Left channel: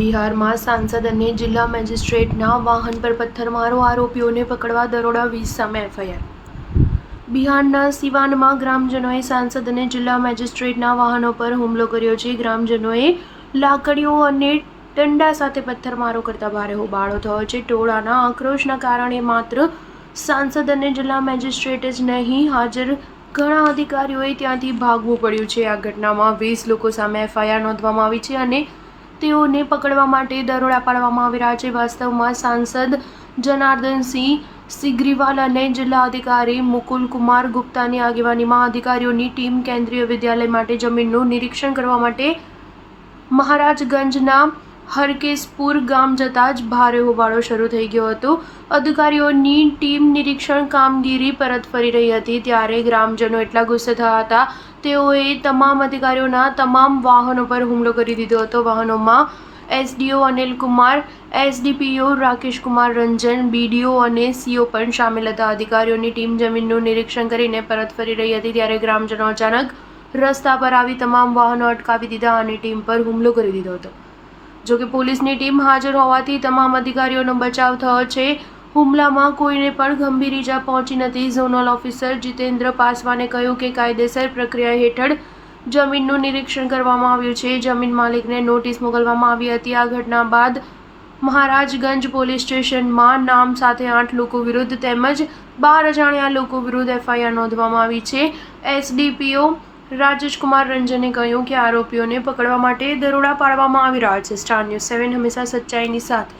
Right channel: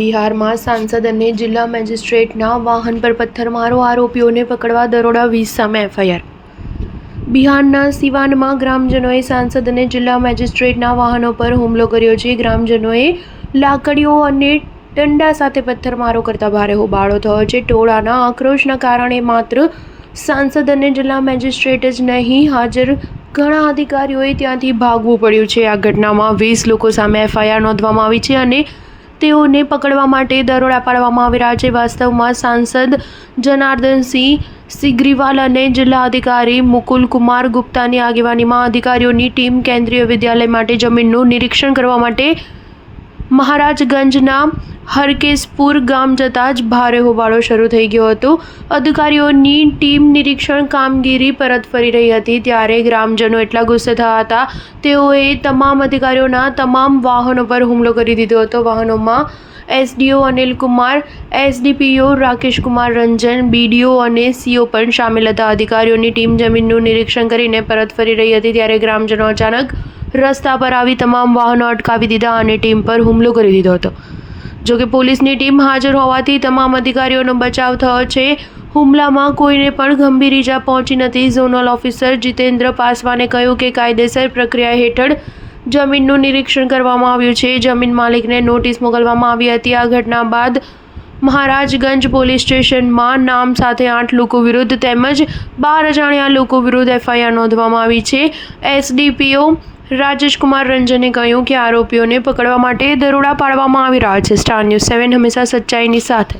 બિહારમાં સાંસદ અને જિલ્લા મેજિસ્ટ્રેટના વાહન પર પથ્થરમારો, આરોપીઓને પકડવા દરોડા, 20 સામે એફઆઈઆર. બિહારના સિવાનમાં ગ્રામજનોએ સાંસદ અને જિલ્લા મેજિસ્ટ્રેટના વાહનો પર હુમલો કર્યો છે. ગ્રામજનોએ લાકડીઓ અને દંડા સાથે પથ્થરમારો કરતા ભારે હોબાળો થયો છે. ટોળાના આક્રોશના કારણે માત્ર સાંસદ અને જિલ્લા મેજિસ્ટ્રેટ જ નહીં, હાજર ઘણા અધિકારીઓએ ત્યાંથી ભાગવું પડ્યું છે. આ ઘટનામાં 20 લોકો સામે એફઆઈઆર નોંધવામાં આવી છે અને તેઓને પકડવા માટે દરોડા પાડવામાં આવી રહ્યા છે. વાસ્તવમાં સાંસદ જનાર્દનસિંહ સિગ્રીવાલ અને જિલ્લા અધિકારી મુકુલ કુમાર ગુપ્તાની આગેવાનીમાં અધિકારીઓની ટીમ કેન્દ્રીય વિદ્યાલય માટે જમીનનું નિરીક્ષણ કરવા માટે મહારાજગંજના હરકેશપુર ગામ જતાં જ ભારે હોબાળો શરૂ થઈ ગયો હતો. અધિકારીઓની ટીમ નિરીક્ષણ કામગીરી પરત ફરી રહી હતી ત્યારે ગ્રામજનો એટલા ગુસ્સે થયા હતા, તેઓએ તમામ અધિકારીઓના તમામ વાહનો પર હુમલો કરી દીધો હતો. વાહનોમાં એસડીઓ અનિલ કુમાર, એસડીપીઓ રાકેશ કુમાર રંજન, બીડીઓ અને સીઓ પણ શામેલ હતા. અધિકારીઓની ટીમ જમીનનું નિરીક્ષણ કરીને પરત ફરી રહી હતી ત્યારે ગ્રામજનો અચાનક રસ્તા પર આવી તમામ વાહનો અટકાવી દીધા અને ટીમ પર હુમલો કરી દીધો હતો. જોકે પોલીસની ટીમ હાજર હોવાથી તમામ અધિકારીઓનો બચાવ થયો છે. હુમલામાં કોઈને પણ ગંભીર ઈજા પહોંચી નથી. ઝોનલ ઓફિસર જીતેન્દ્ર પાસવાને કહ્યું કે કાયદેસર પ્રક્રિયા હેઠળ જમીનનું નિરીક્ષણ કરવામાં આવ્યું છે. જમીન માલિકને નોટિસ મોકલવામાં આવી હતી. આ ઘટના બાદ મહારાજગંજ પોલીસ સ્ટેશનમાં નામ સાથે 8 લોકો વિરુદ્ધ તેમજ 12 અજાણ્યા લોકો વિરુદ્ધ એફઆઈઆર નોંધવામાં આવી છે. એસડીપીઓ રાજેશકુમાર રંજને કહ્યું કે આરોપીઓને પકડવા માટે દરોડા પાડવામાં આવી રહ્યા છે. સ્ટાર ન્યૂઝ 7 હંમેશા સચ્ચાઈની સાથે.